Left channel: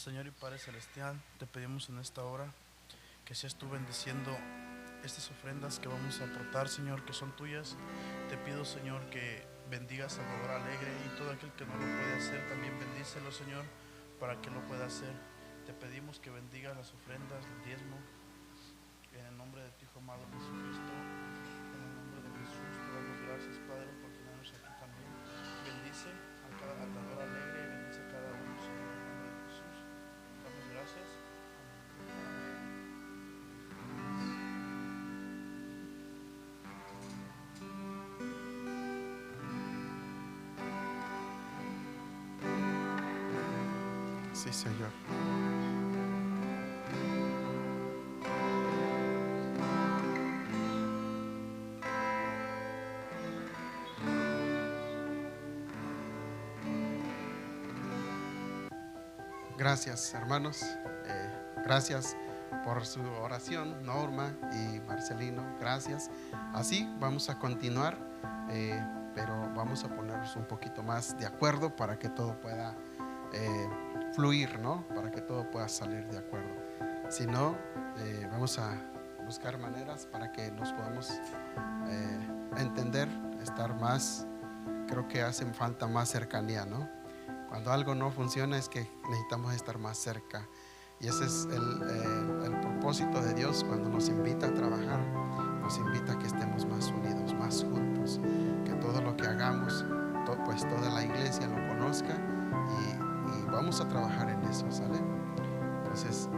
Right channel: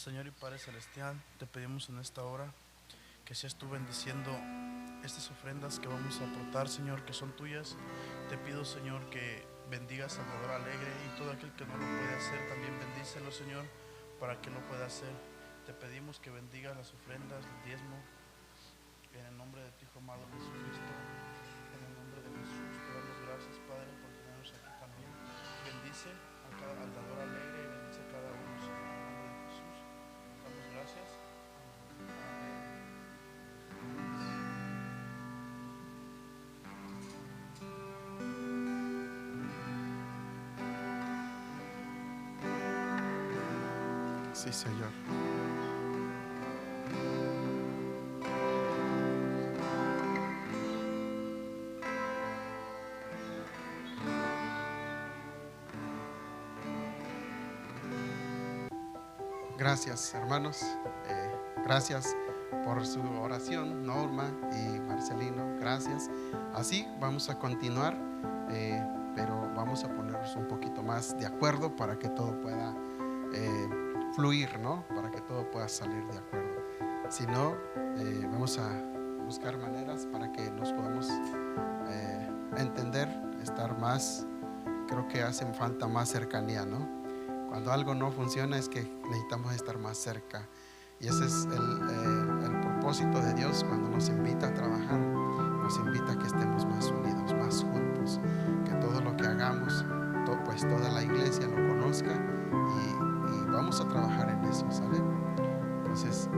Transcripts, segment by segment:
Señor y Padre Celestial, te pedimos en esta hora que seas tú bendiciendo estas ofrendas que vamos a aportar, Señor, que son tuyas. Te pido, Señor, que bendigas a Salvador Alegre y todo aquel que no lo puede hacer, también bendícelo, Señor, para que lo pueda hacer. Te pedimos que bendigas las ofrendas, el diezmo, en el nombre de tu Hijo amado Jesucristo. En el nombre de Jesús te damos gracias, Padre, por tenernos aquí también. Bendice al dador alegre, bendice a cada uno, Señor, en el nombre de Jesús. Damos gracias. Sí, Señor. Gracias, hermanos. Gracias por su oración, Norma y Marcelino. Gracias. Así vamos a continuar, pero vamos a ponernos un poquito más de acuerdo para que todo pueda fluir, ¿no? Para que todo pueda salir de acuerdo. Si no, vamos a buscar maneras para que nos podamos entender, estar más. Creo que hacen falta más cercanía, ¿no? Cuando algo no funciona es que necesitamos estar más cerca. Y ese es el propósito de Dios cuando nos invita a trabajar. Nos invita a que estemos más unidos, más juntos. Que todo lo que hagamos, pues toda la iglesia lo conozca y vamos a trabajar en eso, ¿sale? Entonces,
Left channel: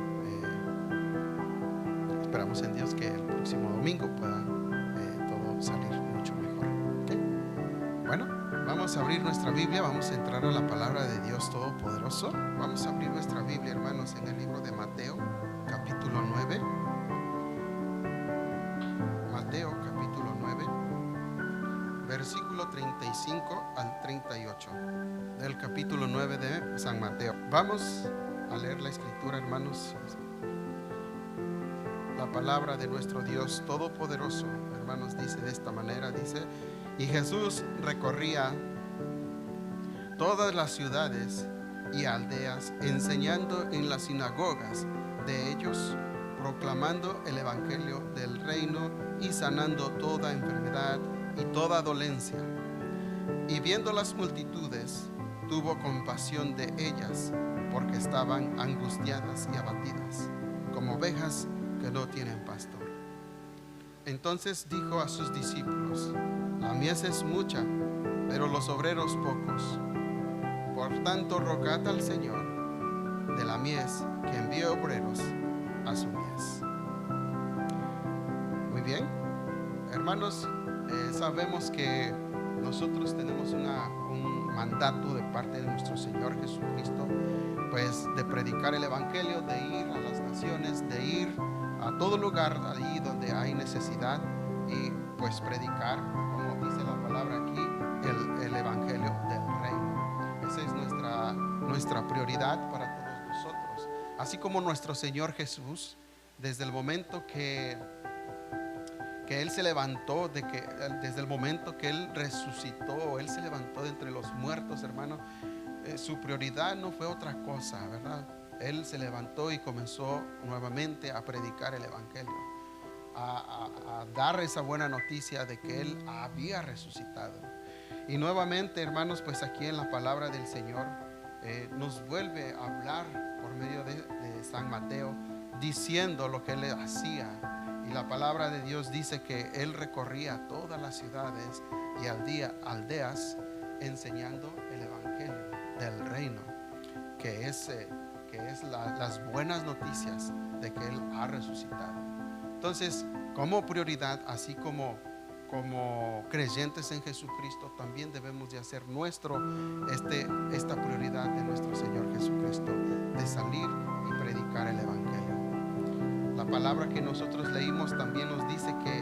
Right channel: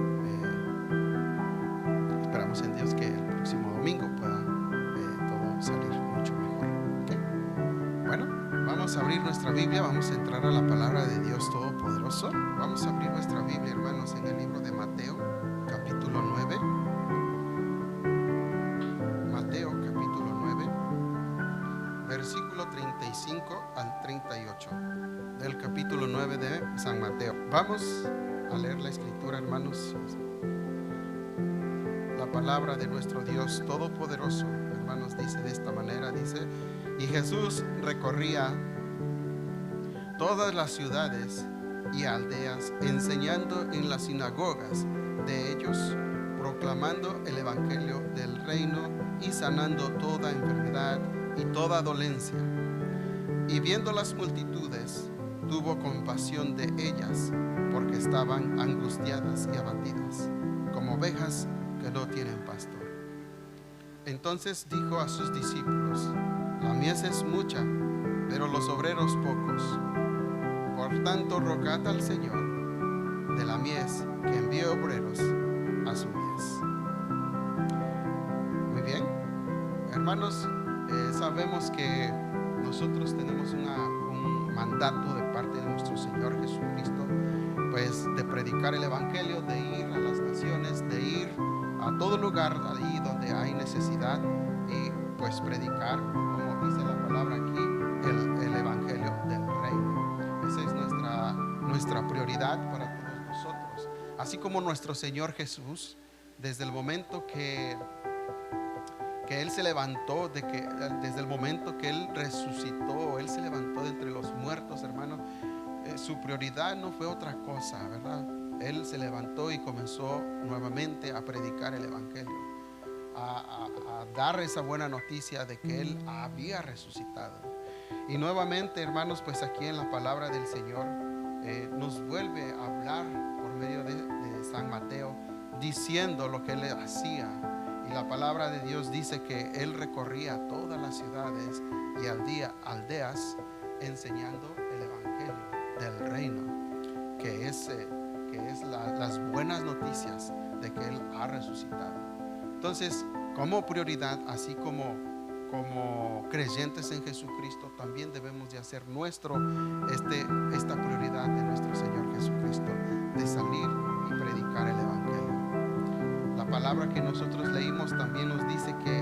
esperamos en Dios que el próximo domingo pueda todo salir mucho mejor. ¿Okay? Bueno, vamos a abrir nuestra Biblia, vamos a entrar a la palabra de Dios Todopoderoso. Vamos a abrir nuestra Biblia, hermanos, en el libro de Mateo, capítulo 9. Mateo, capítulo 9, versículo 35 al 38. Del capítulo 9 de San Mateo. Vamos a leer la escritura, hermanos. La palabra de nuestro Dios Todopoderoso, hermanos, dice de esta manera, dice: y Jesús recorría todas las ciudades y aldeas, enseñando en las sinagogas de ellos, proclamando el evangelio del reino y sanando toda enfermedad y toda dolencia. Y viendo las multitudes, tuvo compasión de ellas, porque estaban angustiadas y abatidas, como ovejas que no tienen pastor. Entonces dijo a sus discípulos: la mies es mucha, pero los obreros pocos. Por tanto, rogad al Señor de la mies que envíe obreros a su mies. Muy bien, hermanos, sabemos que nosotros tenemos un mandato de parte de nuestro Señor Jesucristo, pues de predicar el evangelio, de ir a las naciones, de ir a todo lugar ahí donde hay necesidad y pues predicar, como dice la palabra aquí, el evangelio del reino. Esa es nuestra prioridad para todos nosotros. Así como nuestro Señor Jesús, desde el momento que Él se levantó, desde el momento que Él resucitó, Él se levantó de entre los muertos, hermano, su prioridad no fue otra cosa, ¿verdad? Él se levantó y comenzó nuevamente a predicar el evangelio, a dar esa buena noticia de que Él había resucitado. Y nuevamente, hermanos, pues aquí en la palabra del Señor nos vuelve a hablar por medio de San Mateo, diciendo lo que Él hacía. Y la palabra de Dios dice que Él recorría todas las ciudades y aldeas enseñando el evangelio del reino, que es las buenas noticias de que Él ha resucitado. Entonces, como prioridad, así como creyentes en Jesucristo, también debemos de hacer esta prioridad de nuestro Señor Jesucristo, de salir y predicar el evangelio. La palabra que nosotros leímos también nos dice que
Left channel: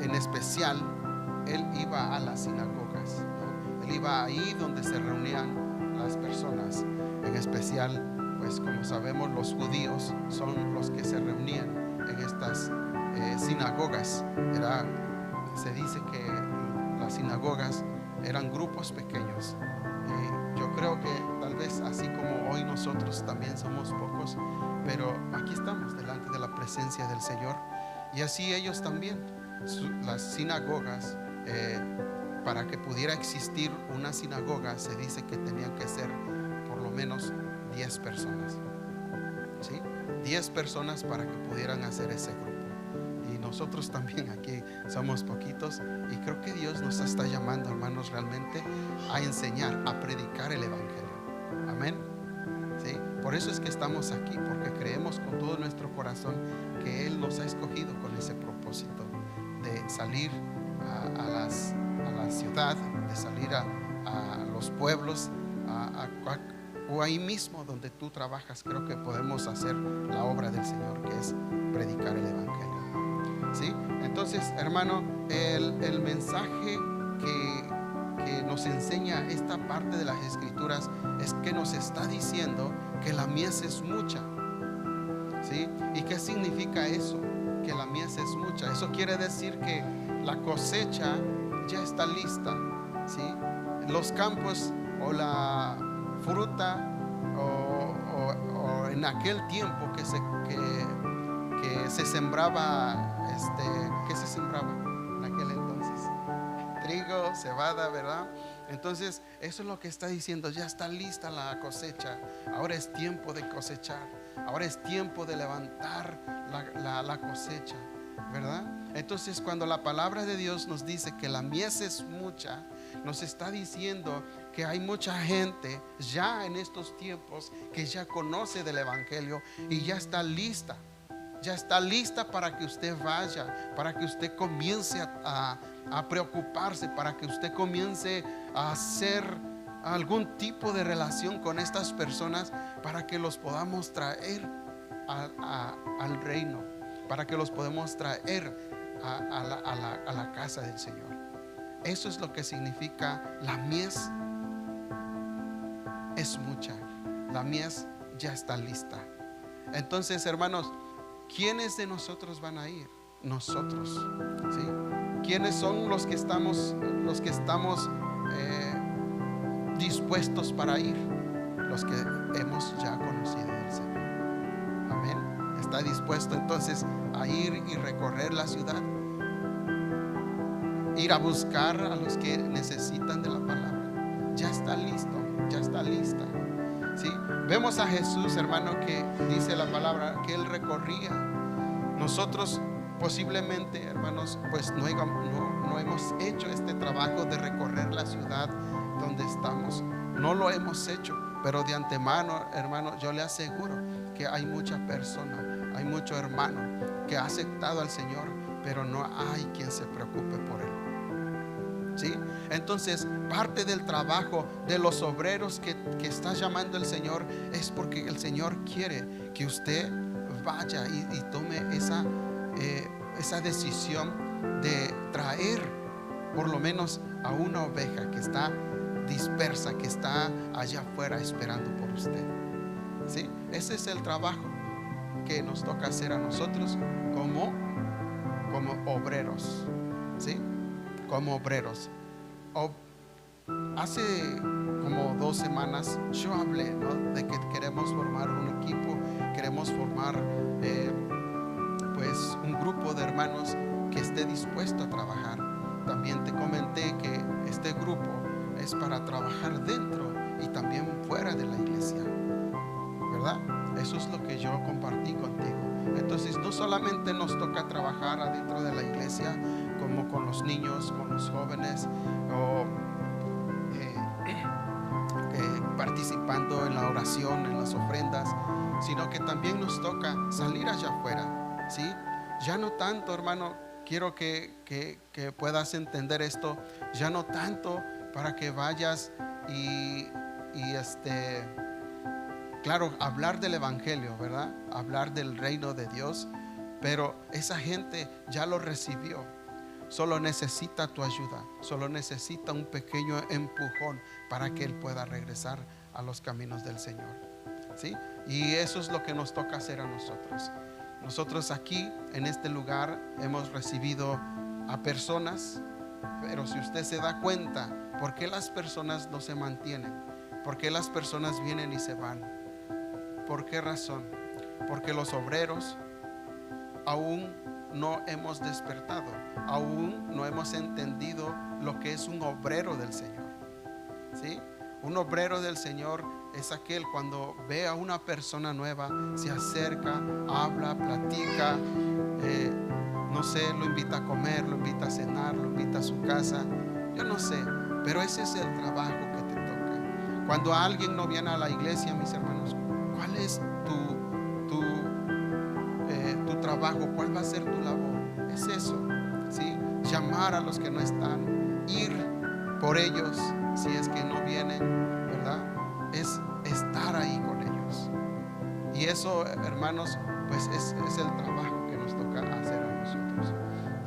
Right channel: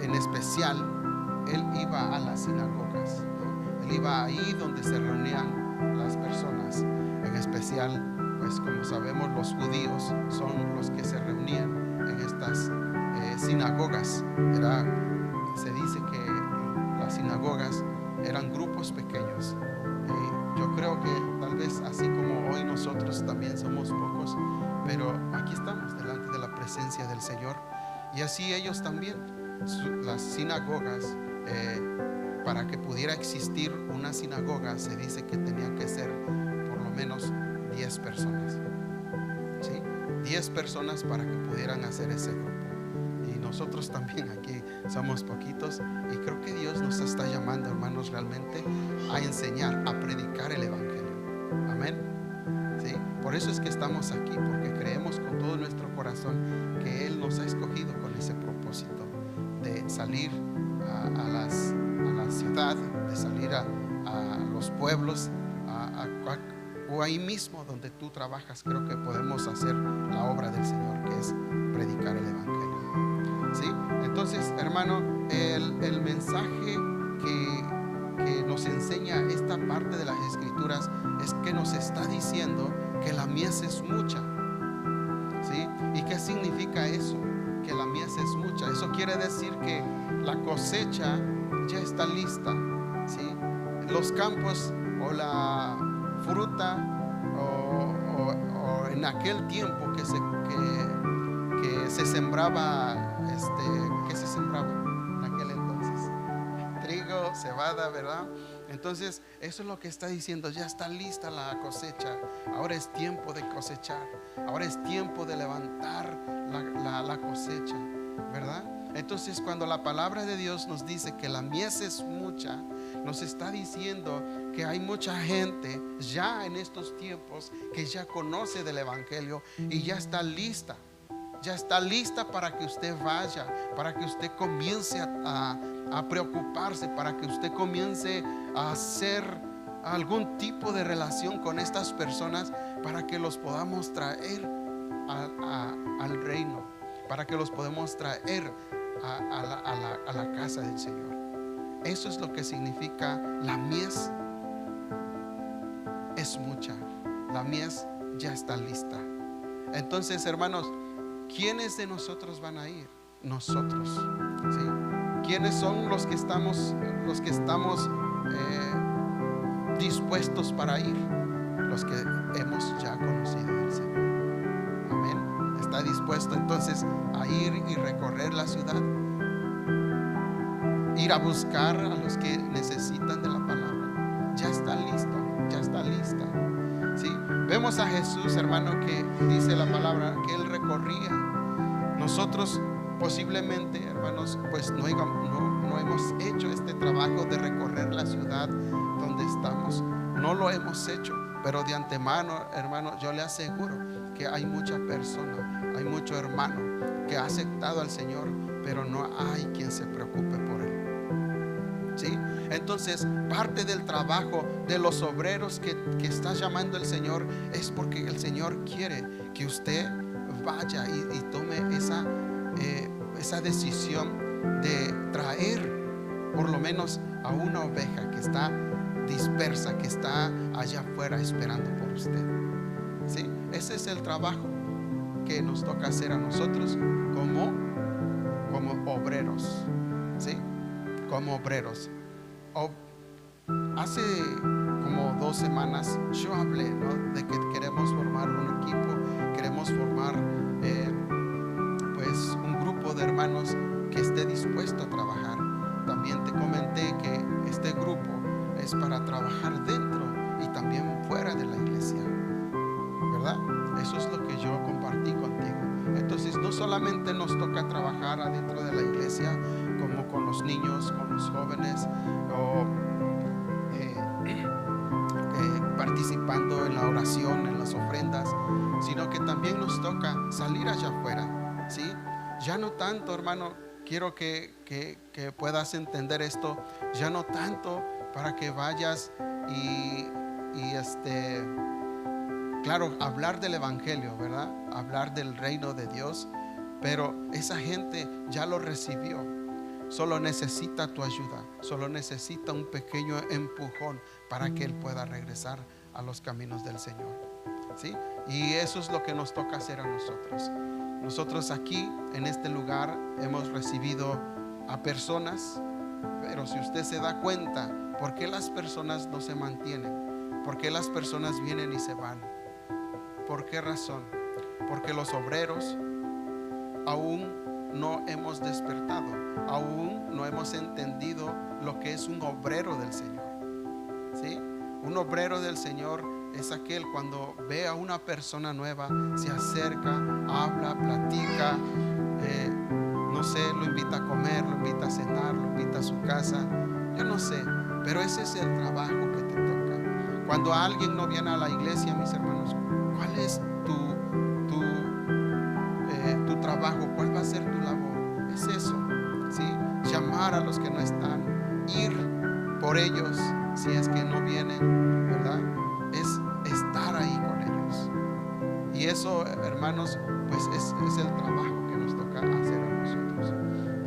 en especial Él iba a las sinagogas, ¿no? Él iba ahí donde se reunían las personas. En especial, pues como sabemos, los judíos son los que se reunían en estas sinagogas. Se dice que las sinagogas eran grupos pequeños Yo creo que tal vez así como hoy nosotros también somos pocos, pero aquí estamos delante de la presencia del Señor. Y así ellos también, las sinagogas, para que pudiera existir una sinagoga, se dice que tenían que ser por lo menos 10 personas, ¿sí? 10 personas para que pudieran hacer ese grupo. Y nosotros también aquí somos poquitos, y creo que Dios nos está llamando, hermanos, realmente a enseñar, a predicar el evangelio. Amén. ¿Sí? Por eso es que estamos aquí, porque creemos con todo nuestro corazón que Él nos ha escogido con ese propósito de salir a la ciudad, de salir a los pueblos, o ahí mismo donde tú trabajas. Creo que podemos hacer la obra del Señor, que es predicar el evangelio. ¿Sí? Entonces, hermano, el mensaje que nos enseña esta parte de las Escrituras es que nos está diciendo que la mies es mucha. ¿Sí? ¿Y qué significa eso? Que la mies es mucha. Eso quiere decir que la cosecha ya está lista. ¿Sí? Los campos o la fruta o en aquel tiempo que se sembraba, ¿qué se sembraba en aquel entonces? Trigo, cebada, ¿verdad? Entonces eso es lo que está diciendo. Ya está lista la cosecha. Ahora es tiempo de cosechar. Ahora es tiempo de levantar la cosecha, ¿verdad? Entonces, cuando la palabra de Dios nos dice que la mies es mucha, nos está diciendo que hay mucha gente ya en estos tiempos que ya conoce del evangelio y ya está lista. Ya está lista para que usted vaya, para que usted comience a preocuparse, para que usted comience a hacer algún tipo de relación con estas personas, para que los podamos traer al reino, para que los podamos traer a la casa del Señor. Eso es lo que significa la mies es mucha. La mies ya está lista. Entonces, hermanos, ¿quiénes de nosotros van a ir? Nosotros, ¿sí? ¿Quiénes son los que estamos dispuestos para ir? Los que hemos ya conocido del Señor. Amén. ¿Está dispuesto entonces a ir y recorrer la ciudad? Ir a buscar a los que necesitan de la palabra. Ya está listo, ya está lista. ¿Sí? Vemos a Jesús, hermano, que dice la palabra que Él recorría. Nosotros posiblemente, hermanos, pues no hemos hecho este trabajo de recorrer la ciudad donde estamos. No lo hemos hecho, pero de antemano, hermano, yo le aseguro que hay mucha persona, hay mucho hermano que ha aceptado al Señor, pero no hay quien se preocupe por él. ¿Sí? Entonces, parte del trabajo de los obreros que está llamando el Señor es porque el Señor quiere que usted vaya y tome esa decisión de traer por lo menos a una oveja que está dispersa, que está allá afuera esperando por usted. ¿Sí? Ese es el trabajo que nos toca hacer a nosotros como obreros. ¿Sí? Como obreros. Hace como 2 semanas yo hablé, ¿no?, de que queremos formar un equipo, queremos formar pues un grupo de hermanos que esté dispuesto a trabajar. También te comenté que este grupo es para trabajar dentro y también fuera de la iglesia, ¿verdad? Eso es lo que yo compartí contigo. Entonces, no solamente nos toca trabajar adentro de la iglesia, como con los niños, con los jóvenes, o participando en la oración, en las ofrendas, sino que también nos toca salir allá afuera, ¿sí? Ya no tanto, hermano, quiero que puedas entender esto, ya no tanto para que vayas y claro, hablar del evangelio, ¿verdad? Hablar del reino de Dios, pero esa gente ya lo recibió. Solo necesita tu ayuda, solo necesita un pequeño empujón para que él pueda regresar a los caminos del Señor, ¿sí? Y eso es lo que nos toca hacer a nosotros. Nosotros aquí en este lugar hemos recibido a personas, pero si usted se da cuenta, ¿por qué las personas no se mantienen? ¿Por qué las personas vienen y se van? ¿Por qué razón? Porque los obreros aún no hemos despertado, aún no hemos entendido lo que es un obrero del Señor. ¿Sí? Un obrero del Señor es aquel cuando ve a una persona nueva, se acerca, habla, platica, no sé, lo invita a comer, lo invita a cenar, lo invita a su casa, yo no sé, pero ese es el trabajo que te toca. Cuando alguien no viene a la iglesia, mis hermanos, ¿cuál es tu trabajo? ¿Cuál va a ser tu labor? Es eso, ¿sí? Llamar a los que no están, ir por ellos si es que no vienen, ¿verdad? Es estar ahí con ellos. Y eso, hermanos, pues es el trabajo que nos toca hacer a nosotros.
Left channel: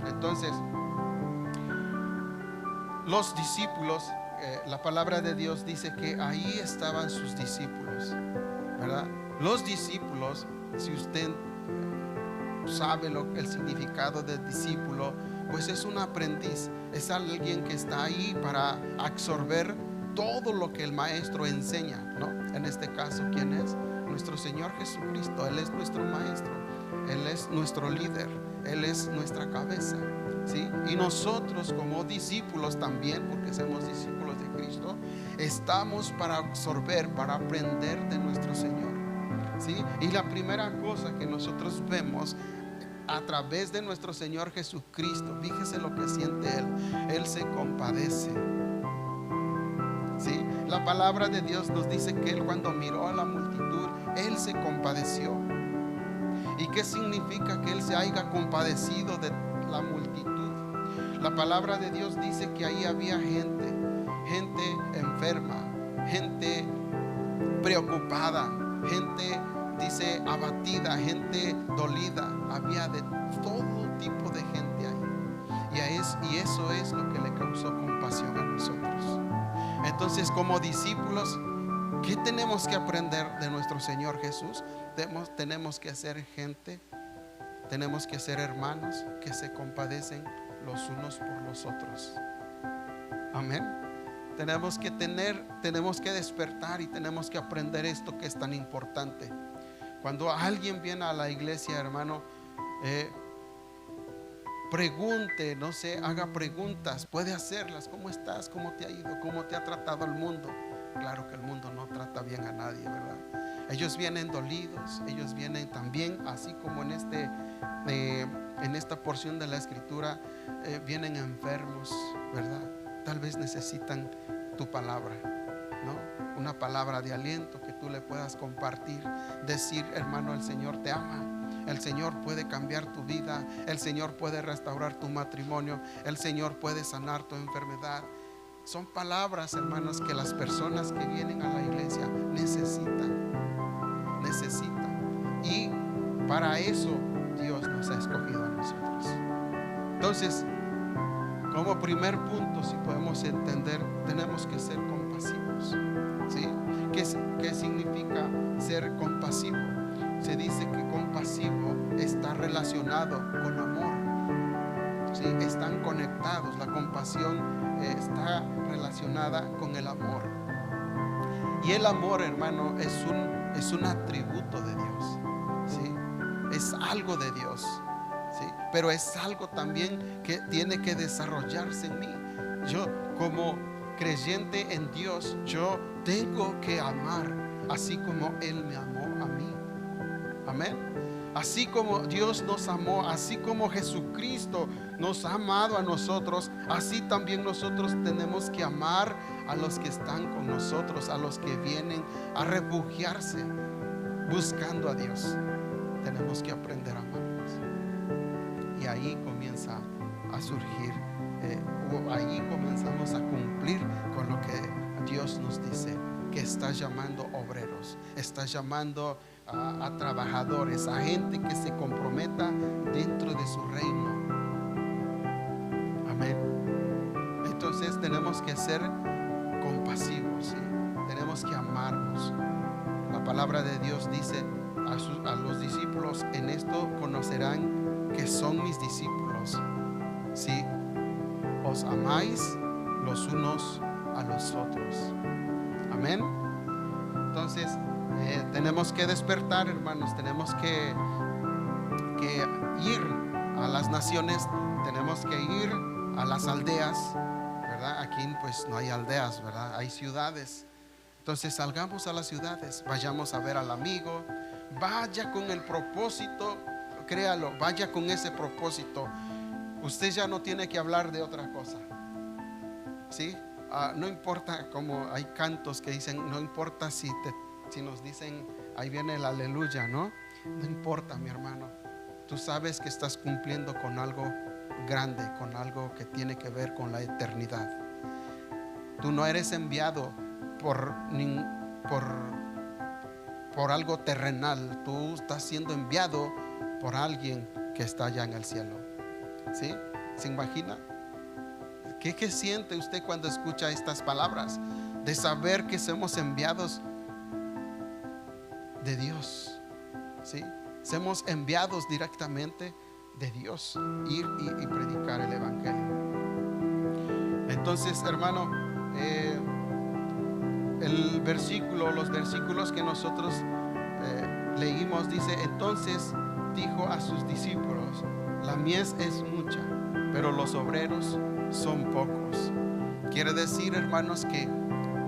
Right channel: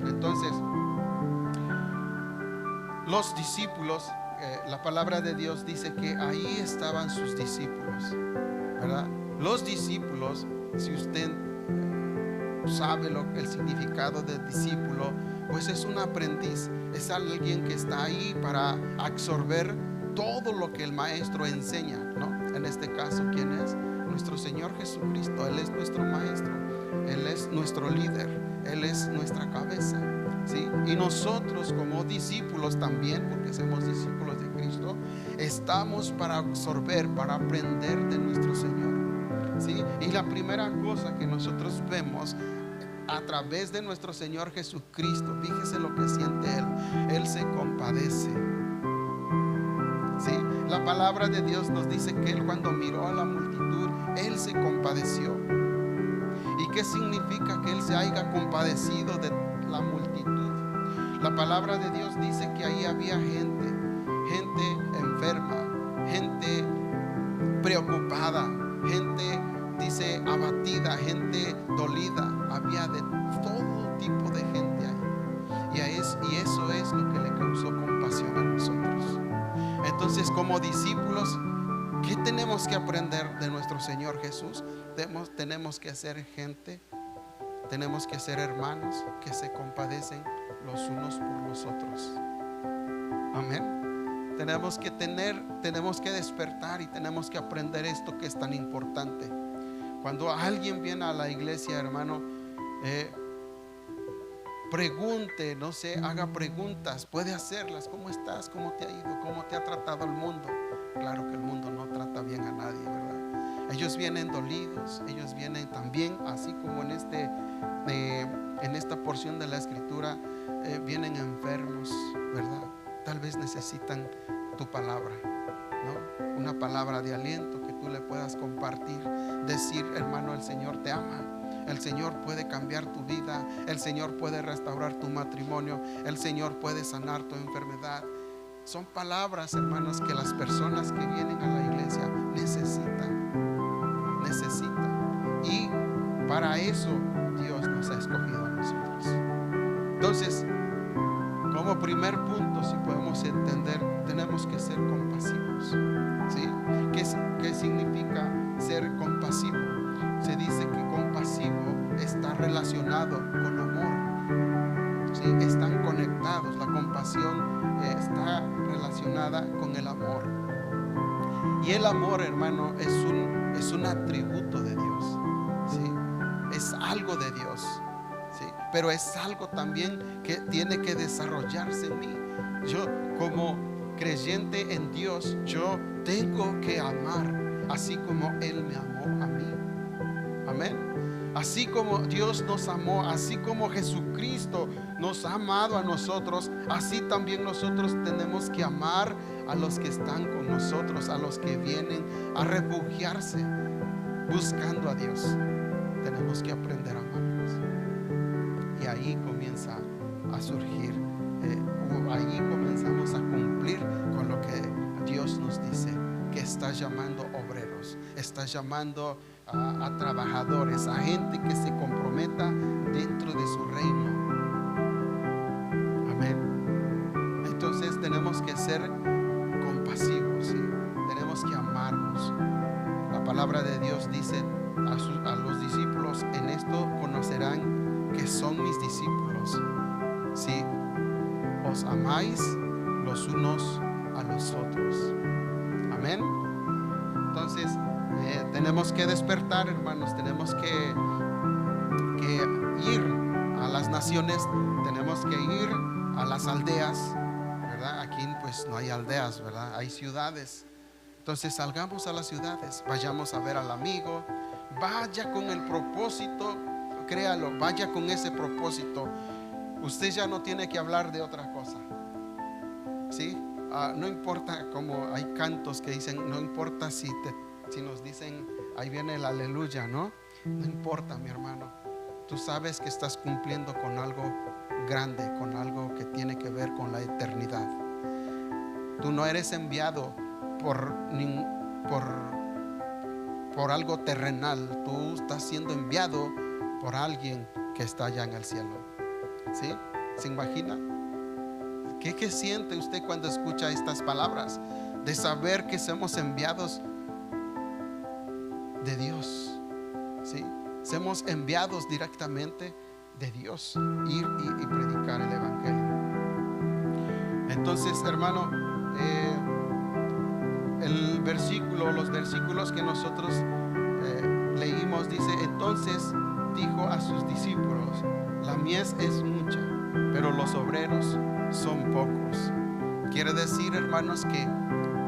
Entonces, los discípulos, la palabra de Dios dice que ahí estaban sus discípulos, ¿verdad? Los discípulos, si usted sabe el significado de discípulo, pues es un aprendiz, es alguien que está ahí para absorber todo lo que el maestro enseña, ¿no? En este caso, ¿quién es? Nuestro Señor Jesucristo. Él es nuestro maestro, Él es nuestro líder, Él es nuestra cabeza, ¿sí? Y nosotros como discípulos también, porque somos discípulos de Cristo, estamos para absorber, para aprender de nuestro Señor, ¿sí? Y la primera cosa que nosotros vemos a través de nuestro Señor Jesucristo, fíjese lo que siente Él. Él se compadece, ¿sí? La palabra de Dios nos dice que Él, cuando miró a la multitud, Él se compadeció. ¿Y qué significa que Él se haya compadecido de la multitud? La palabra de Dios dice que ahí había gente enferma, gente preocupada, gente, dice, abatida, gente dolida. Había de todo tipo de gente ahí. Y eso es lo que le causó compasión a nosotros. Entonces, como discípulos, ¿qué tenemos que aprender de nuestro Señor Jesús? Tenemos que ser gente, tenemos que ser hermanos que se compadecen los unos por los otros. Amén. Tenemos que despertar y tenemos que aprender esto que es tan importante. Cuando alguien viene a la iglesia, hermano, pregunte, no sé, haga preguntas, puede hacerlas. ¿Cómo estás? ¿Cómo te ha ido? ¿Cómo te ha tratado el mundo? Claro que el mundo no trata bien a nadie, ¿verdad? Ellos vienen dolidos, ellos vienen también, así como en esta porción de la escritura, vienen enfermos, ¿verdad? Tal vez necesitan tu palabra, ¿no? Una palabra de aliento que tú le puedas compartir, decir, hermano, el Señor te ama, el Señor puede cambiar tu vida, el Señor puede restaurar tu matrimonio, el Señor puede sanar tu enfermedad. Son palabras, hermanos, que las personas que vienen a la iglesia necesitan. Y para eso Dios nos ha escogido a nosotros. Entonces, como primer punto, si podemos entender, tenemos que ser compasivos, ¿sí? ¿Qué significa ser compasivo? Se dice que compasivo está relacionado con amor, ¿sí? Están conectados. La compasión está relacionada con el amor. Y el amor, hermano, es un atributo de Dios, ¿sí? Es algo de Dios, ¿sí? Pero es algo también que tiene que desarrollarse en mí. Yo, como creyente en Dios, yo tengo que amar así como Él me amó a mí. Amén. Así como Dios nos amó, así como Jesucristo nos ha amado a nosotros, así también nosotros tenemos que amar a los que están con nosotros, a los que vienen a refugiarse buscando a Dios. Tenemos que aprender a amarlos. Y ahí comienza a surgir, ahí comenzamos a cumplir con lo que Dios nos dice, que está llamando obreros, está llamando a trabajadores, a gente que se comprometa dentro de su reino. Amén. Entonces tenemos que ser compasivos, ¿sí? Tenemos que amarnos. La palabra de Dios dice a los discípulos: en esto conocerán que son mis discípulos, si os amáis los unos a los otros. Amén. Entonces tenemos que despertar, hermanos. Tenemos que ir a las naciones, tenemos que ir a las aldeas, ¿verdad? Aquí pues no hay aldeas, ¿verdad? Hay ciudades. Entonces salgamos a las ciudades, vayamos a ver al amigo, vaya con el propósito, créalo, vaya con ese propósito. Usted ya no tiene que hablar de otra cosa, ¿sí? No importa, como hay cantos que dicen, no importa si nos dicen, ahí viene el aleluya, ¿no? No importa, mi hermano. Tú sabes que estás cumpliendo con algo grande, con algo que tiene que ver con la eternidad. Tú no eres enviado por algo terrenal. Tú estás siendo enviado por alguien que está allá en el cielo, ¿sí? ¿Se imagina? ¿Qué siente usted cuando escucha estas palabras? De saber que somos enviados de Dios, ¿sí? Somos enviados directamente de Dios, ir y predicar el evangelio. Entonces, hermano, los versículos que nosotros leímos, dice: entonces dijo a sus discípulos, la mies es mucha, pero los obreros son pocos. Quiere decir, hermanos, que,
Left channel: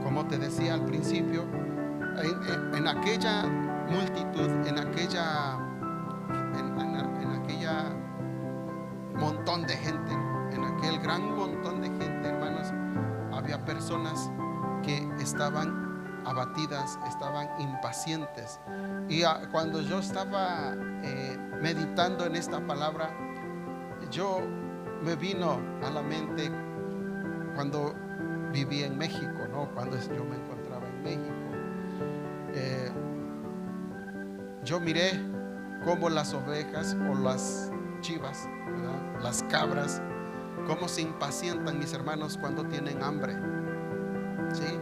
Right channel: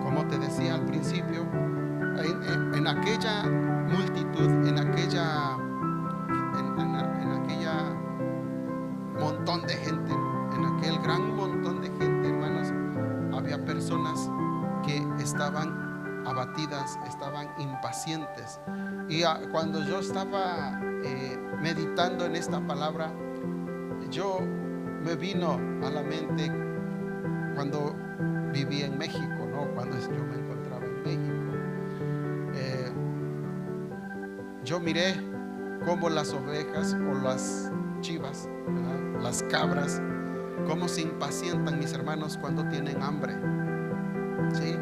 como te decía al principio, en aquella multitud, en aquella montón de gente, en aquel gran montón de gente, hermanos, había personas que estaban abatidas, estaban impacientes. Y cuando yo estaba meditando en esta palabra, me vino a la mente cuando viví en México, ¿no? Cuando yo me encontraba en México, yo miré cómo las ovejas o las chivas, ¿verdad? Las cabras, cómo se impacientan, mis hermanos, cuando tienen hambre, ¿sí?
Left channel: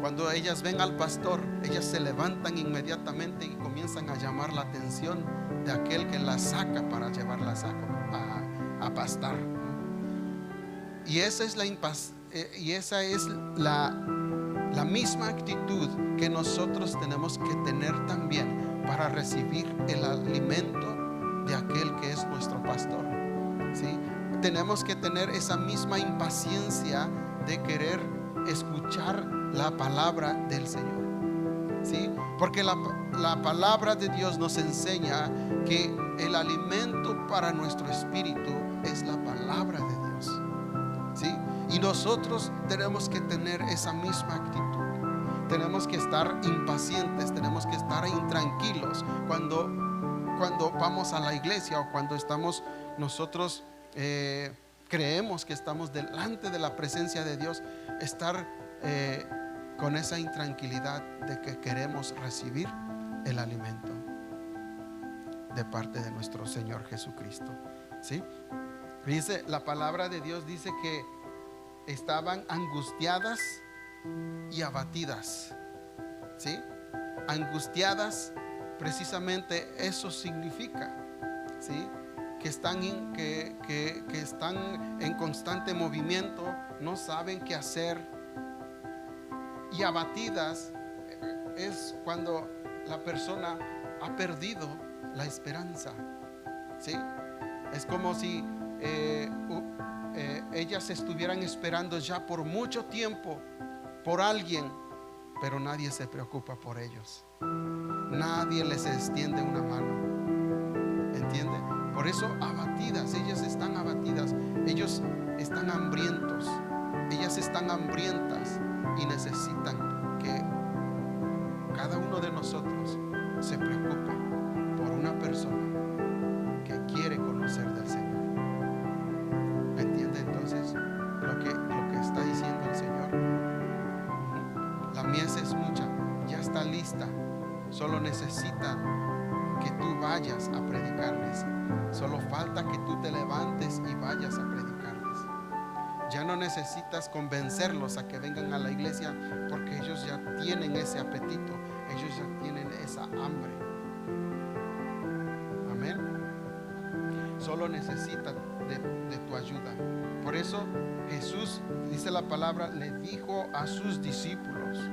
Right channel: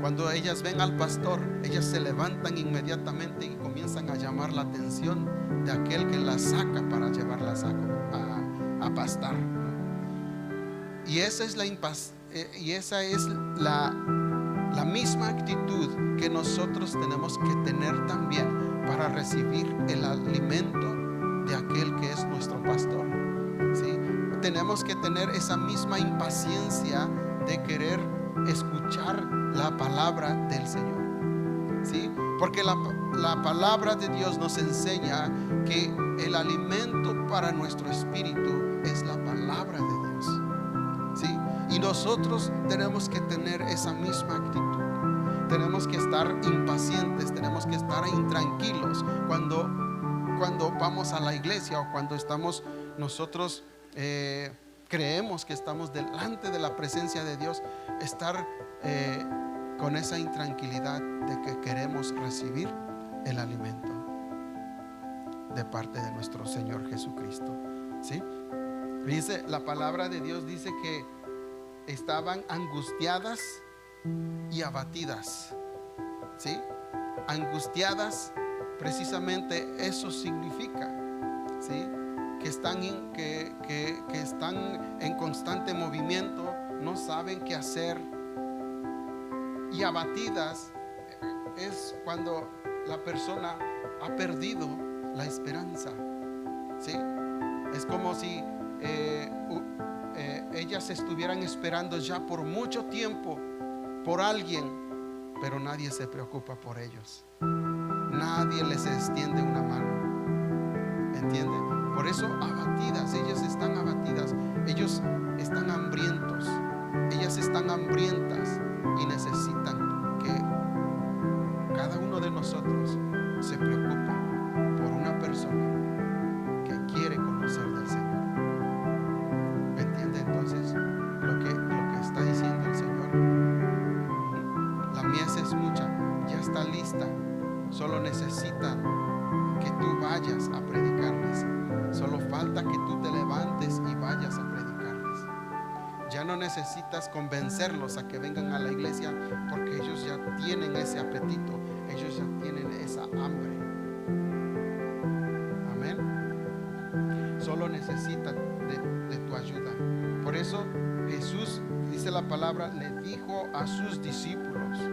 Cuando ellas ven al pastor, ellas se levantan inmediatamente y comienzan a llamar la atención de aquel que las saca para llevarlas a pastar, ¿no? Y esa es la misma actitud que nosotros tenemos que tener también para recibir el alimento de aquel que es nuestro pastor, ¿sí? Tenemos que tener esa misma impaciencia de querer escuchar la palabra del Señor, ¿sí? Porque la palabra de Dios nos enseña que el alimento para nuestro espíritu es la palabra de Dios, ¿sí? Y nosotros tenemos que tener esa misma actitud. Tenemos que estar impacientes, tenemos que estar intranquilos cuando vamos a la iglesia o cuando estamos nosotros creemos que estamos delante de la presencia de Dios. Estar con esa intranquilidad de que queremos recibir el alimento de parte de nuestro Señor Jesucristo, ¿sí? Dice, la palabra de Dios dice que estaban angustiadas y abatidas, ¿sí? Angustiadas, precisamente eso significa, ¿sí? Que están en constante movimiento, no saben qué hacer. Y abatidas es cuando la persona ha perdido la esperanza, ¿sí? Es como si ellas estuvieran esperando ya por mucho tiempo por alguien, pero nadie se preocupa por ellos, nadie les extiende una mano, ¿entiende? Por eso abatidas, ellas están abatidas, ellos están hambrientos, ellas están hambrientas y necesitan que cada uno de nosotros se preocupe por una persona que quiere conocer del Señor. ¿Me entiende entonces lo que está diciendo el Señor? La mies es mucha, ya está lista, solo necesita que tú vayas a predicarles. Solo falta que tú te levantes y vayas a predicarles. Ya no necesitas convencerlos a que vengan a la iglesia, porque ellos ya tienen ese apetito, ellos ya tienen esa hambre. Amén. Solo necesita de tu ayuda. Por eso Jesús, dice la palabra, le dijo a sus discípulos,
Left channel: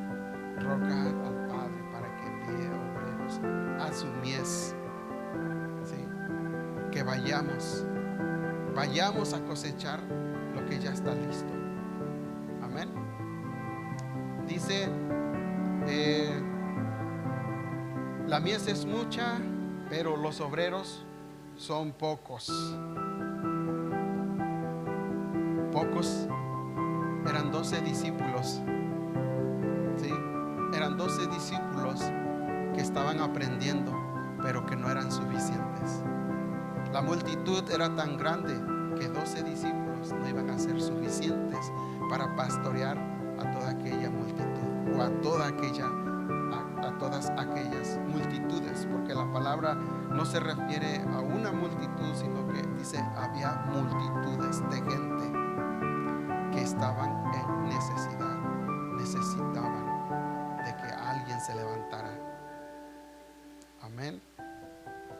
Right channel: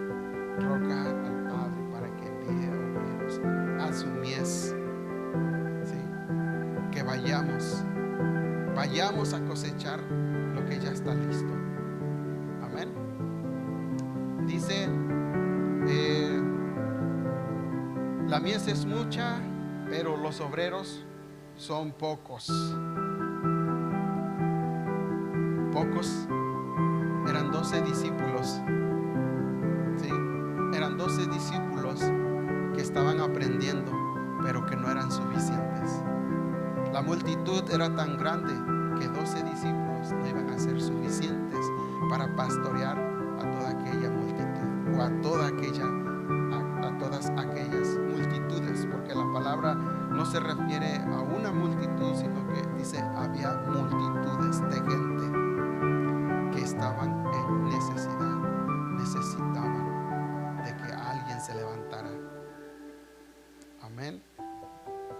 rogar al Padre para que envíe obreros a su mies, ¿sí? Que vayamos a cosechar lo que ya está listo. Amén. Dice, la mies es mucha, pero los obreros son pocos. Pocos. Eran 12 discípulos, ¿sí? Eran 12 discípulos que estaban aprendiendo, pero que no eran suficientes. La multitud era tan grande que 12 discípulos no iban a ser suficientes para pastorear a toda aquella multitud, o a todas aquellas multitudes, porque la palabra no se refiere a una multitud, sino que dice había multitudes de gente que estaban en necesidad, necesitaban de que alguien se levantara. Amén.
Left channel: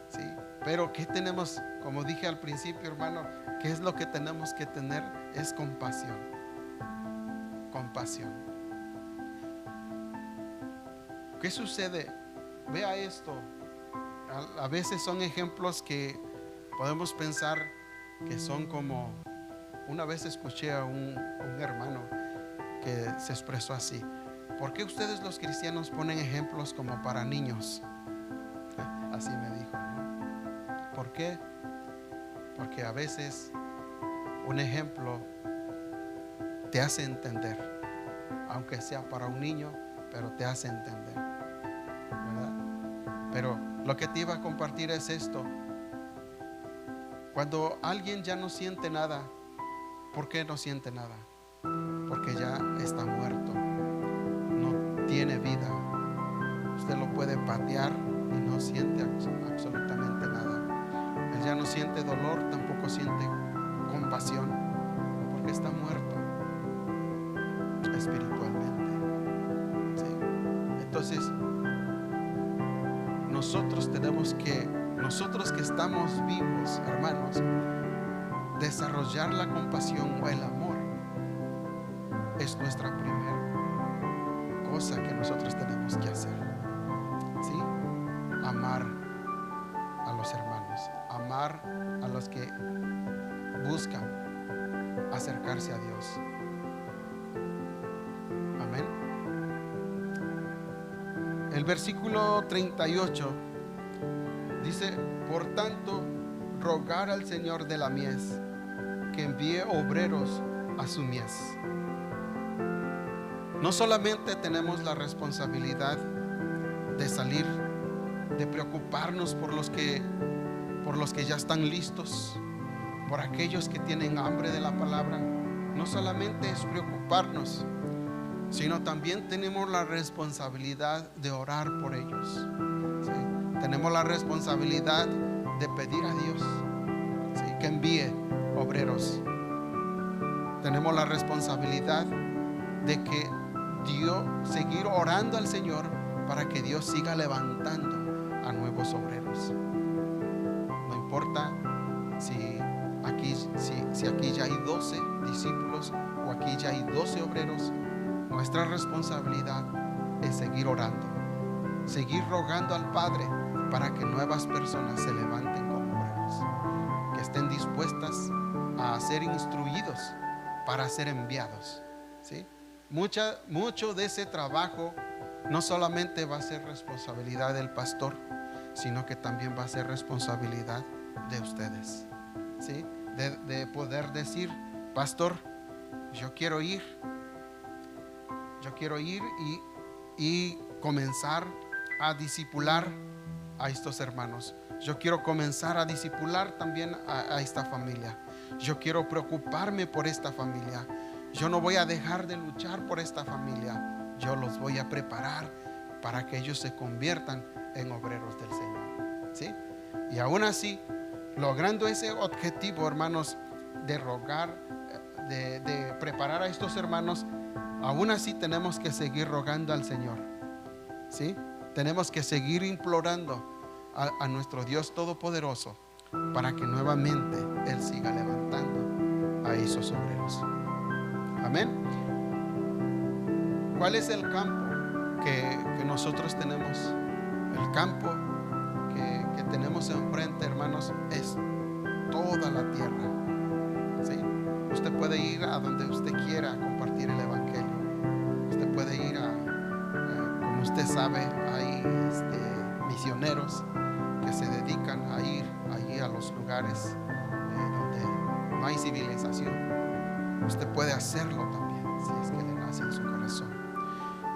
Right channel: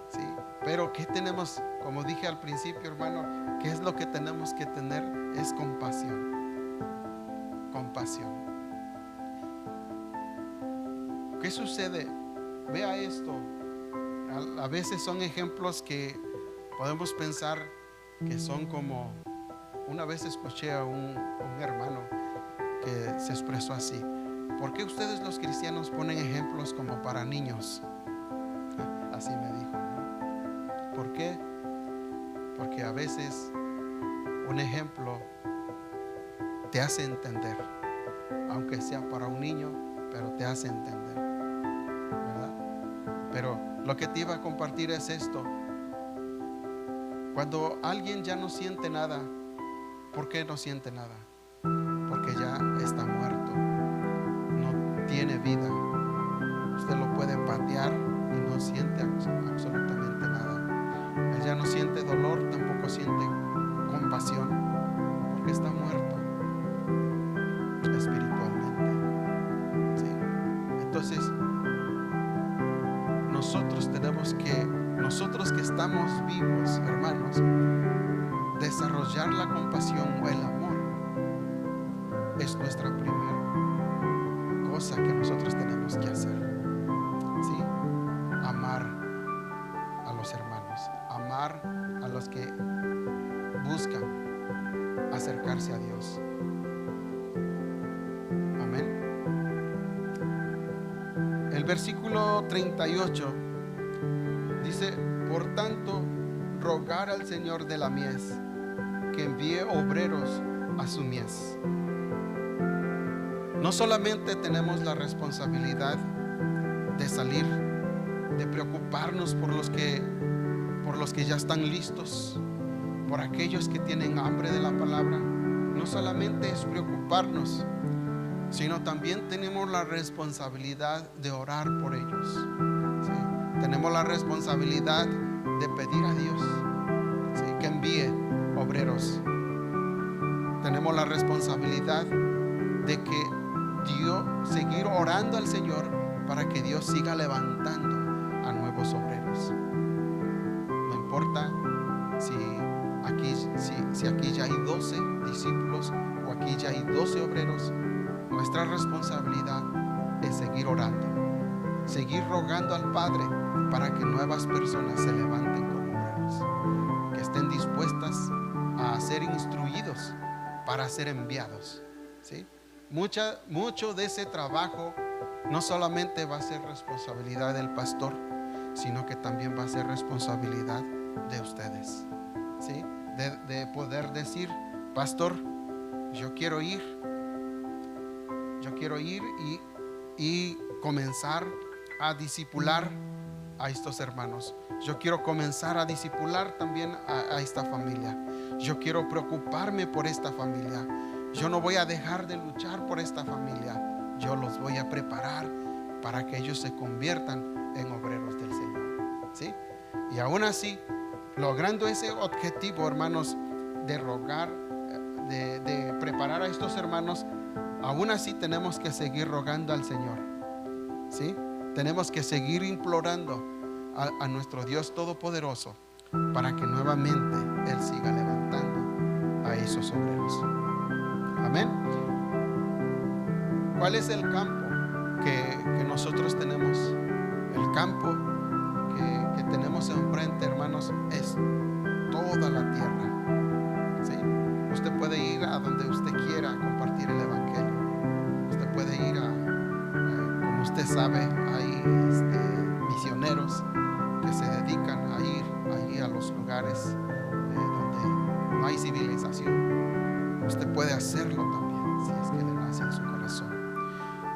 Sí, pero ¿qué tenemos? Como dije al principio, hermano, ¿qué es lo que tenemos que tener? Es compasión. Compasión. ¿Qué sucede? Vea esto. A veces son ejemplos que podemos pensar que son como... Una vez escuché a un hermano que se expresó así: ¿por qué ustedes los cristianos ponen ejemplos como para niños? Así me dijo, ¿no? ¿Por qué? Porque a veces un ejemplo te hace entender, aunque sea para un niño, pero te hace entender, ¿verdad? Pero lo que te iba a compartir es esto: cuando alguien ya no siente nada, ¿por qué no siente nada? Porque ya está muerto, no tiene vida. Usted lo puede patear y no siente absolutamente nada. Él ya no siente dolor, tampoco siente compasión, porque está muerto espiritualmente, ¿sí? Entonces nosotros que estamos vivos, hermanos, desarrollar la compasión o el amor es nuestra primera cosa que nosotros tenemos que hacer, ¿sí? Amar a los hermanos, amar a los que buscan acercarse a Dios. Amén. El versículo 38 dice: por tanto, rogar al Señor de la mies que envíe obreros a su mies. No solamente tenemos la responsabilidad de salir, de preocuparnos por los que ya están listos, por aquellos que tienen hambre de la palabra. No solamente es preocuparnos, sino también tenemos la responsabilidad de orar por ellos, ¿sí? Tenemos la responsabilidad de pedir a Dios, ¿sí?, que envíe obreros. Tenemos la responsabilidad de que seguir orando al Señor para que Dios siga levantando a nuevos obreros. No importa si aquí ya hay 12 discípulos o aquí ya hay 12 obreros. Nuestra responsabilidad es seguir orando, seguir rogando al Padre para que nuevas personas se levanten como obreros, que estén dispuestas a ser instruidos para ser enviados, ¿sí? Mucho de ese trabajo no solamente va a ser responsabilidad del pastor, sino que también va a ser responsabilidad de ustedes, ¿sí? De poder decir: pastor, yo quiero ir y comenzar a discipular a estos hermanos. Yo quiero comenzar a discipular también a esta familia. Yo quiero preocuparme por esta familia. Yo no voy a dejar de luchar por esta familia. Yo los voy a preparar para que ellos se conviertan en obreros del Señor, ¿sí? Y aún así, logrando ese objetivo, hermanos, de rogar, de preparar a estos hermanos, aún así tenemos que seguir rogando al Señor, ¿sí? Tenemos que seguir implorando a nuestro Dios Todopoderoso para que nuevamente Él siga levantando a esos obreros. Amén. ¿Cuál es el campo? que nosotros tenemos, el campo que tenemos enfrente, hermanos, es toda la tierra, ¿sí? Usted puede ir a donde usted quiera a compartir el evangelio. Usted puede ir como usted sabe, hay misioneros que se dedican a ir allí a los lugares donde no hay civilización. Usted puede hacerlo también, si es que le nace en su corazón.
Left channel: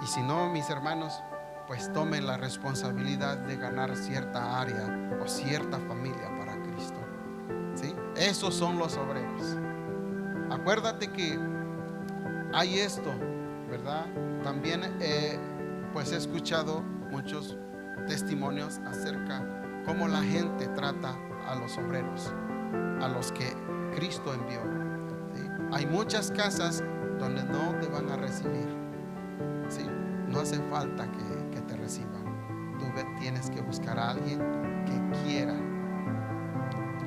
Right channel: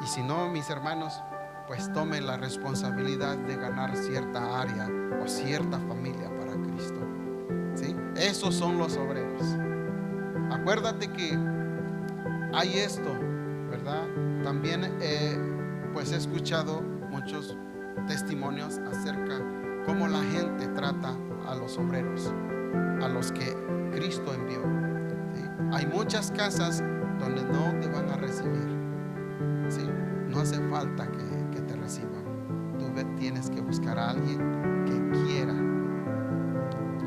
Y si no, mis hermanos, pues tome la responsabilidad de ganar cierta área o cierta familia para Cristo, ¿sí? Esos son los obreros. Acuérdate que hay esto, ¿verdad? También pues he escuchado muchos testimonios acerca cómo la gente trata a los obreros, a los que Cristo envió, ¿sí? Hay muchas casas donde no te van a recibir, ¿sí? No hace falta que te reciban. Tú tienes que buscar a alguien que quiera.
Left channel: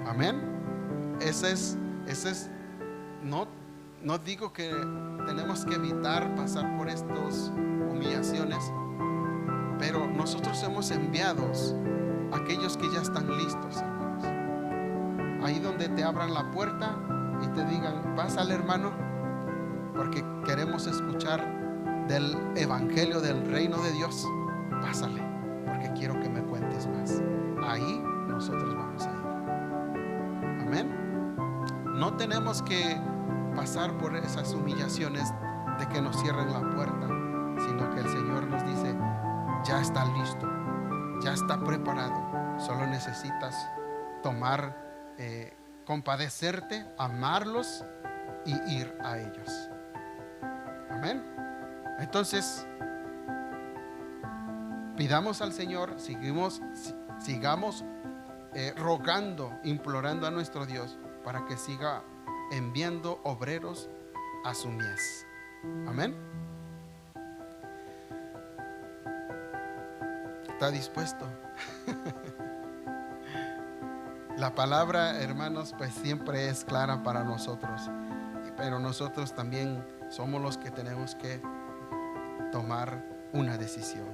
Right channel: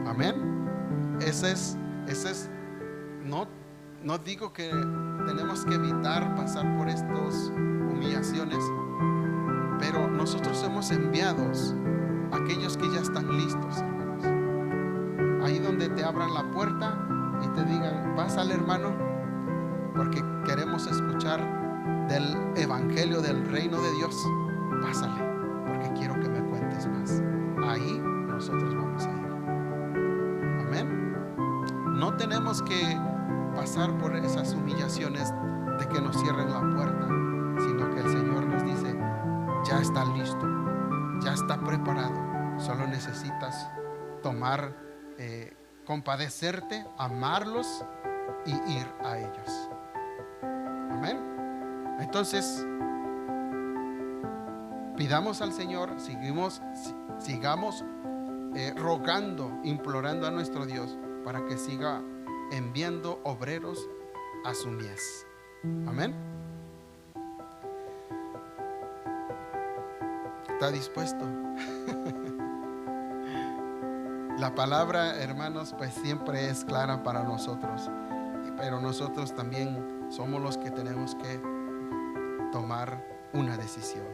Amén. Ese es no digo que tenemos que evitar pasar por estas humillaciones, pero nosotros somos enviados a aquellos que ya están listos, hermanos. Ahí donde te abran la puerta y te digan: pásale, hermano, porque queremos escuchar del evangelio del reino de Dios. Pásale, porque quiero que me cuentes más. Ahí nosotros vamos a ir. Amén. No tenemos que pasar por esas humillaciones de que nos cierren la puerta, sino que el Señor nos dice: ya está listo, ya está preparado. Solo necesitas tomar, compadecerte, amarlos y ir a ellos. Amén. Entonces, pidamos al Señor, sigamos rogando, implorando a nuestro Dios para que siga enviando obreros a su mies. Amén. ¿Está dispuesto? La palabra, hermanos, pues siempre es clara para nosotros, pero nosotros también somos los que tenemos que tomar una decisión.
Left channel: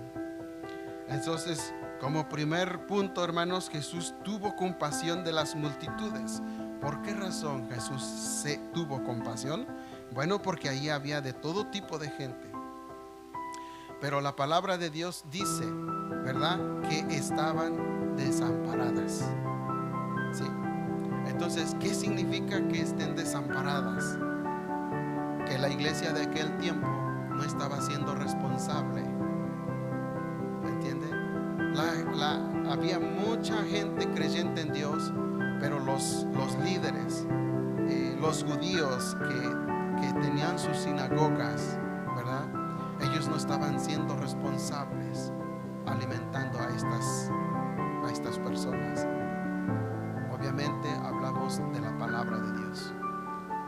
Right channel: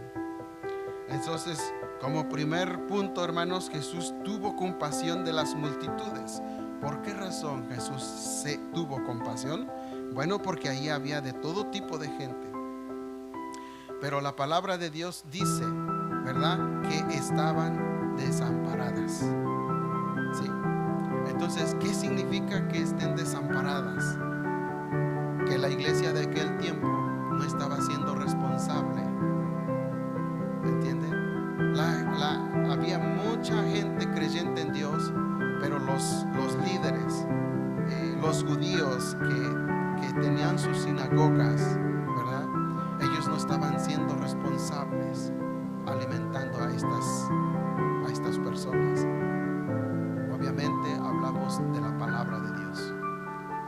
Entonces, como primer punto, hermanos, Jesús tuvo compasión de las multitudes. ¿Por qué razón Jesús tuvo compasión? Bueno, porque ahí había de todo tipo de gente. Pero la palabra de Dios dice, ¿verdad?, que estaban desamparadas. ¿Sí? Entonces, ¿qué significa que estén desamparadas? Que la iglesia de aquel tiempo no estaba siendo responsable. ¿Me entiende? Había mucha gente creyente en Dios, pero los líderes, los judíos que tenían sus sinagogas, ¿verdad?, ellos no estaban siendo responsables alimentando a estas personas. Obviamente hablamos de la palabra de Dios,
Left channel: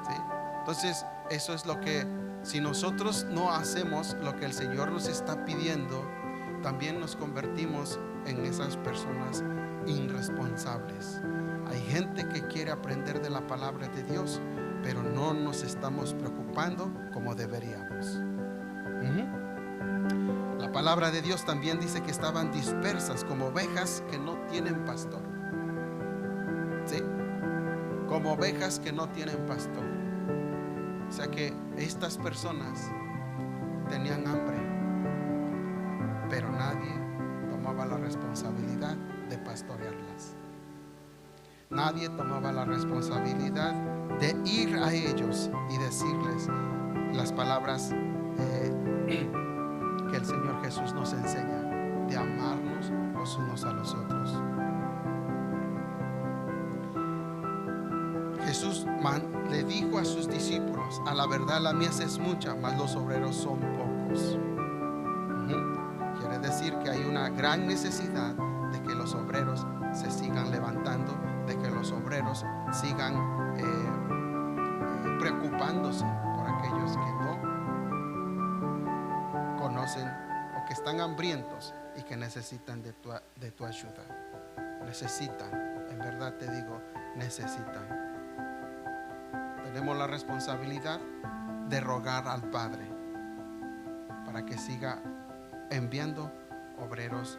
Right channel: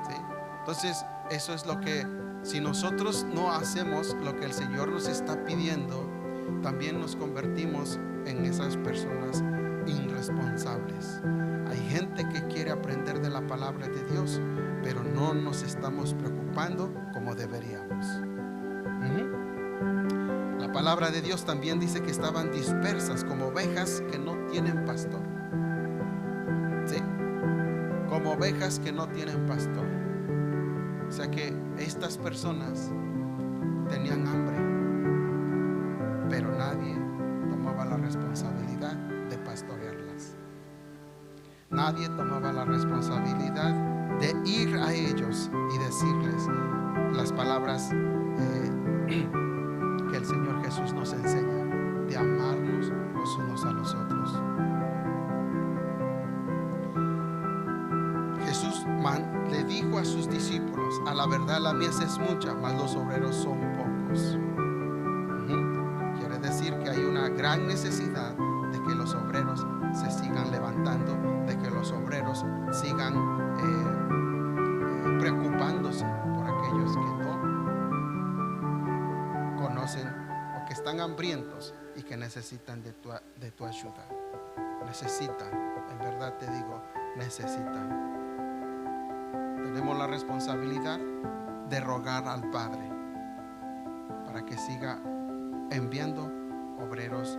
¿sí? Entonces, eso es lo que, si nosotros no hacemos lo que el Señor nos está pidiendo, también nos convertimos en esas personas irresponsables. Hay gente que quiere aprender de la palabra de Dios, pero no nos estamos preocupando como deberíamos. La palabra de Dios también dice que estaban dispersas como ovejas que no tienen pastor. ¿Sí? Como ovejas que no tienen pastor. O sea que estas personas tenían hambre, pero nadie tomaba la responsabilidad de pastorearlas. Nadie tomaba la responsabilidad de ir a ellos y decirles las palabras que el Señor Jesús nos enseña, de amarnos los unos a los otros. Jesús le dijo a sus discípulos: a la verdad la mies es mucha, mas los obreros son pocos. Quiere decir que hay una gran necesidad de que los obreros se sigan levantando, de que los obreros sigan preocupándose por aquellos que no conocen o que están hambrientos y que necesitan de tu ayuda. Necesitan, en verdad te digo, necesitan. Tenemos la responsabilidad de rogar al Padre para que siga enviando obreros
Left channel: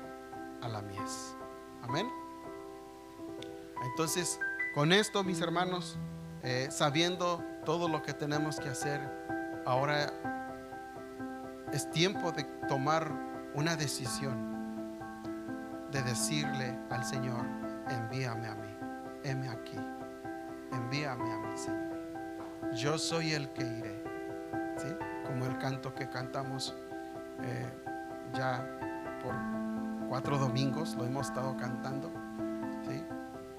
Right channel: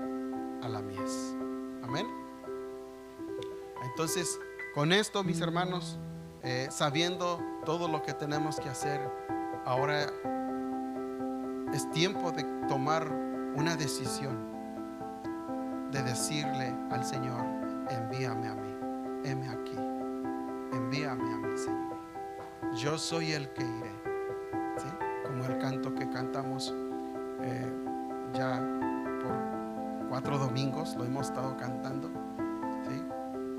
a la mies. Amén. Entonces, con esto, mis hermanos, sabiendo todo lo que tenemos que hacer, ahora es tiempo de tomar una decisión, de decirle al Señor: envíame a mí, heme aquí, envíame a mí, Señor. Yo soy el que iré. ¿Sí? Como el canto que cantamos ya por 4 domingos, lo hemos estado cantando. ¿Sí?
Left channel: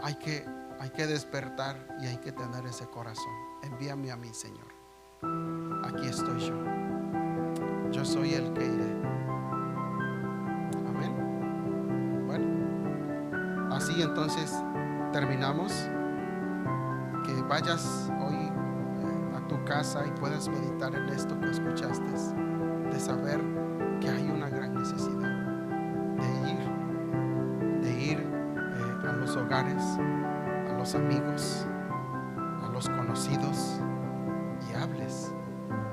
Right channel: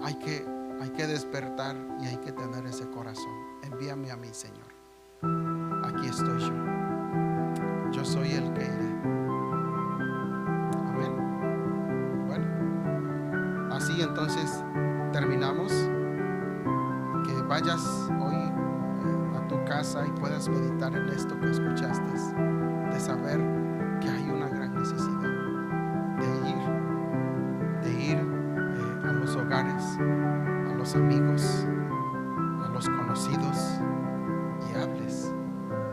Hay que despertar y hay que tener ese corazón. Envíame a mí, Señor. Aquí estoy yo. Yo soy el que iré. Amén. Bueno, así entonces terminamos. Que vayas hoy a tu casa y puedas meditar en esto que escuchaste, de saber que hay una gran necesidad de ir a los hogares, a los amigos, a los conocidos, y hables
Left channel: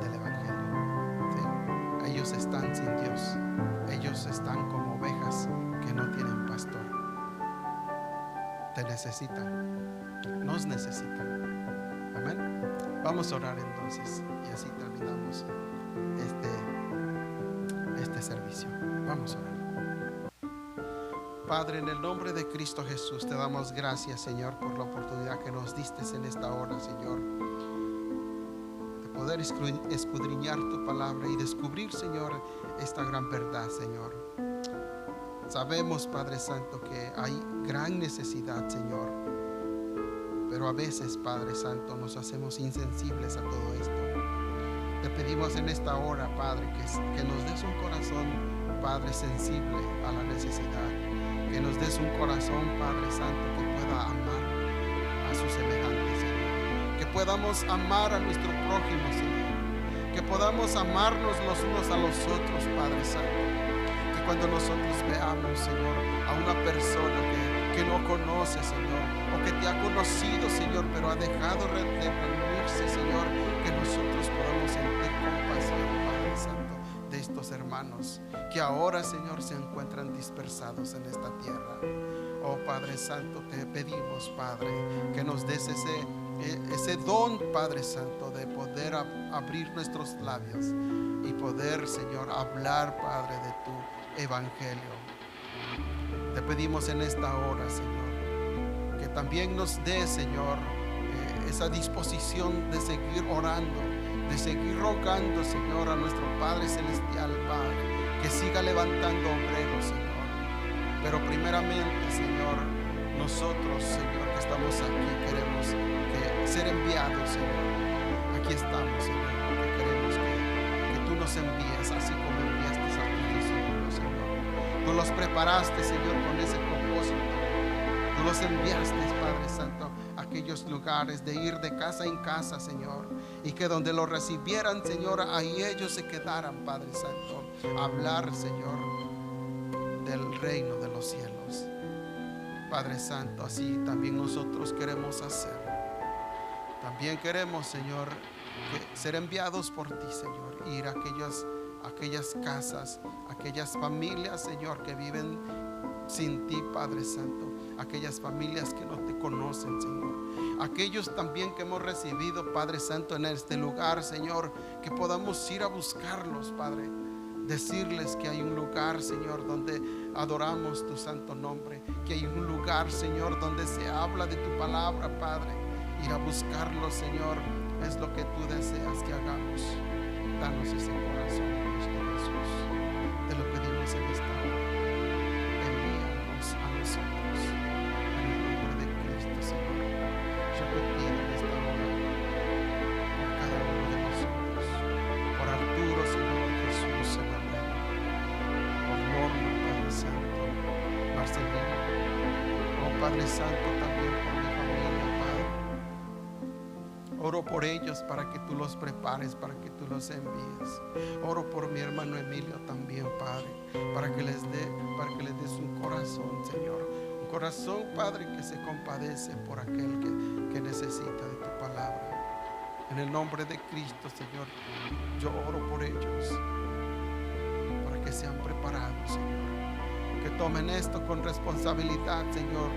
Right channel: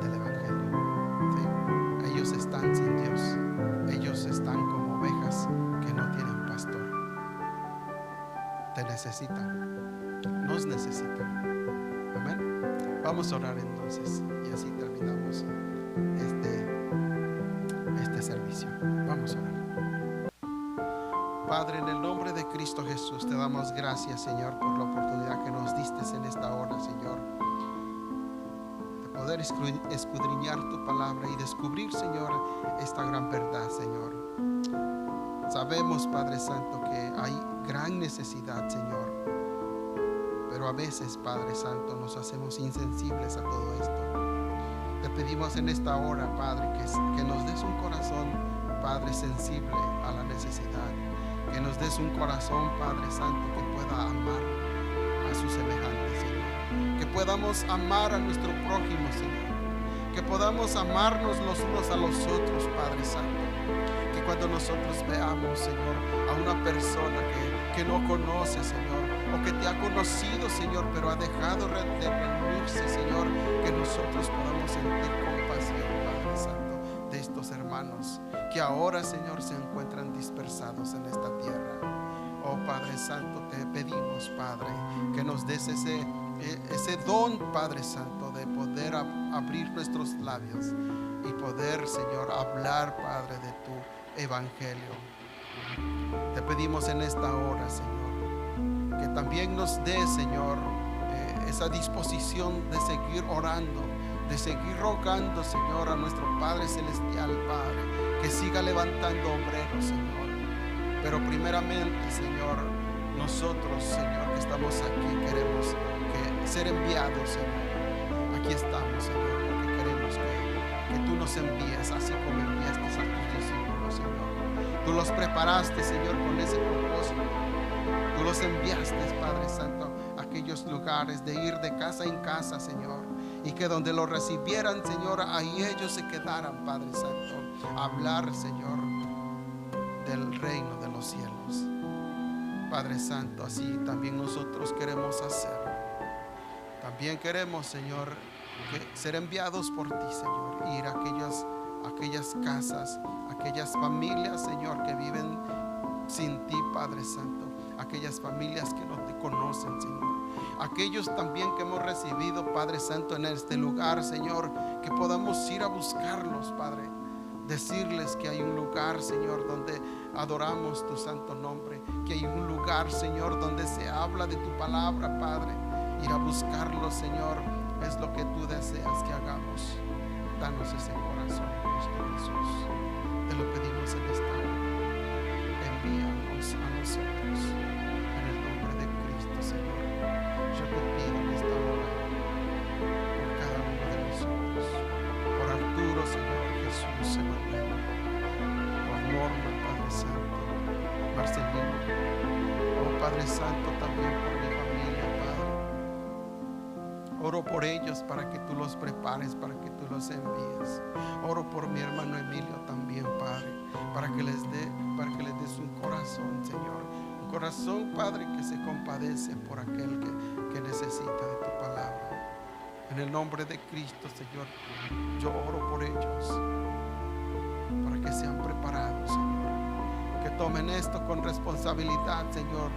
del Evangelio. ¿Sí? Ellos están sin Dios, ellos están como ovejas que no tienen pastor. Te necesitan, nos necesitan. Amén. Vamos a orar entonces y así terminamos este servicio. Vamos a orar. Padre, en el nombre de Cristo Jesús, te damos gracias, Señor, por la oportunidad que nos diste en esta hora, Señor, de poder escudriñar tu palabra y descubrir, Señor, esta gran verdad, Señor. Sabemos, Padre Santo, que hay gran necesidad, Señor, pero a veces, Padre Santo, nos hacemos insensibles a todo esto. Te pedimos en esta hora, Padre, que nos des un corazón, Padre, sensible a la necesidad. Que nos des un corazón, Padre Santo, que pueda amar a sus semejantes, Señor. Que podamos amar a nuestro prójimo, Señor. Que podamos amarnos los unos a los otros, Padre Santo. Que cuando nosotros veamos, Señor, a una persona que no conoce, Señor, o que te ha conocido, Señor, pero ha dejado de reunirse, Señor, que nosotros podamos sentir compasión, Padre Santo, de estos hermanos que ahora, Señor, se encuentran dispersados en esta tierra. Oh Padre Santo, te pedimos, Padre, que nos des ese don, Padre Santo, de poder abrir nuestros labios y poder, Señor, hablar, Padre, de tu evangelio. Te pedimos en esta hora, Señor, que también nos dé, Señor, esa disposición de seguir orando, de seguir rogando, Señor, a nuestro Padre Celestial, Padre, que siga levantando obreros, Señor. Pero primeramente, Señor, nosotros, Señor, que estamos aquí, queremos ser enviados, Señor. Aquí estamos, Señor, porque queremos que tú nos envíes, así como enviaste a tus discípulos, Señor. Tú los preparaste, Señor, con ese propósito. Tú los enviaste, Padre Santo, a aquellos lugares de ir de casa en casa, Señor, y que donde los recibieran, Señor, ahí ellos se quedaran, Padre Santo, a hablar, Señor, del reino de los cielos. Padre Santo, así también nosotros queremos hacer. También queremos, Señor, ser enviados por ti, Señor, ir a aquellas casas, aquellas familias, Señor, que viven sin ti, Padre Santo, aquellas familias que no te conocen, Señor, aquellos también que hemos recibido, Padre Santo, en este lugar, Señor, que podamos ir a buscarlos, Padre, decirles que hay un lugar, Señor, donde adoramos tu santo nombre, que hay un lugar, Señor, donde se habla de tu palabra, Padre. Ir a buscarlos, Señor, es lo que tú deseas que hagamos. Danos ese corazón, Cristo Jesús. Te lo pedimos en esta hora. Envíanos a nosotros en el nombre de Cristo, Señor. Yo te pido en esta hora por cada uno de nosotros, por Arturo, Señor, Jesús, Emanuel, por Norma, Padre Santo, Marcelino, oh Padre Santo, también por mi familia, Padre. Oro por ellos para que tú los prepares, para que tú los envíes. Oro por mi hermano Emilio también, Padre, para que les des un corazón, Señor. Un corazón, Padre, que se compadece por aquel que necesita de tu palabra. En el nombre de Cristo, Señor, yo oro por ellos, para que se han preparado, Señor. Que tomen esto con responsabilidad, Señor.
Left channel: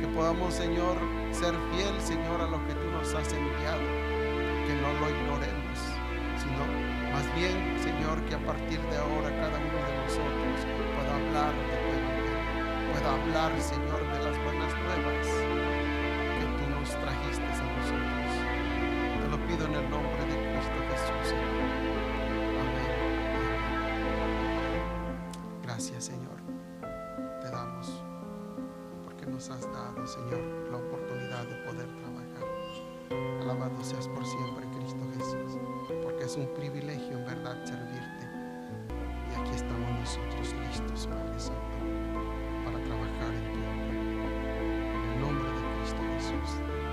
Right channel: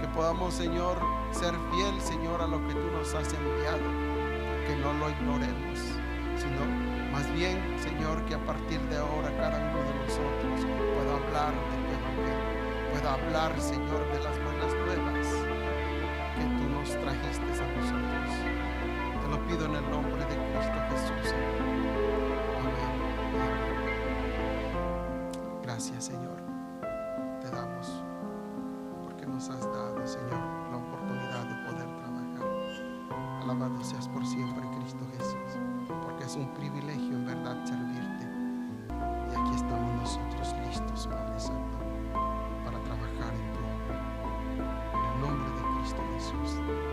Que podamos, Señor, ser fiel, Señor, a lo que tú nos has enviado. Que no lo ignoremos, sino más bien, Señor, que a partir de ahora cada uno de nosotros pueda hablar de tu evangelio, pueda hablar, Señor, de las buenas nuevas que tú nos trajiste a nosotros. Te lo pido en el nombre de Cristo Jesús, Señor. Amén y amén. Gracias, Señor. Te damos porque nos has dado, Señor, la oportunidad de poder trabajar. Alabado seas por siempre, Cristo Jesús, porque es un privilegio en verdad servirte. Y aquí estamos nosotros listos, Padre Santo, para trabajar en tu obra. En el nombre de Cristo Jesús.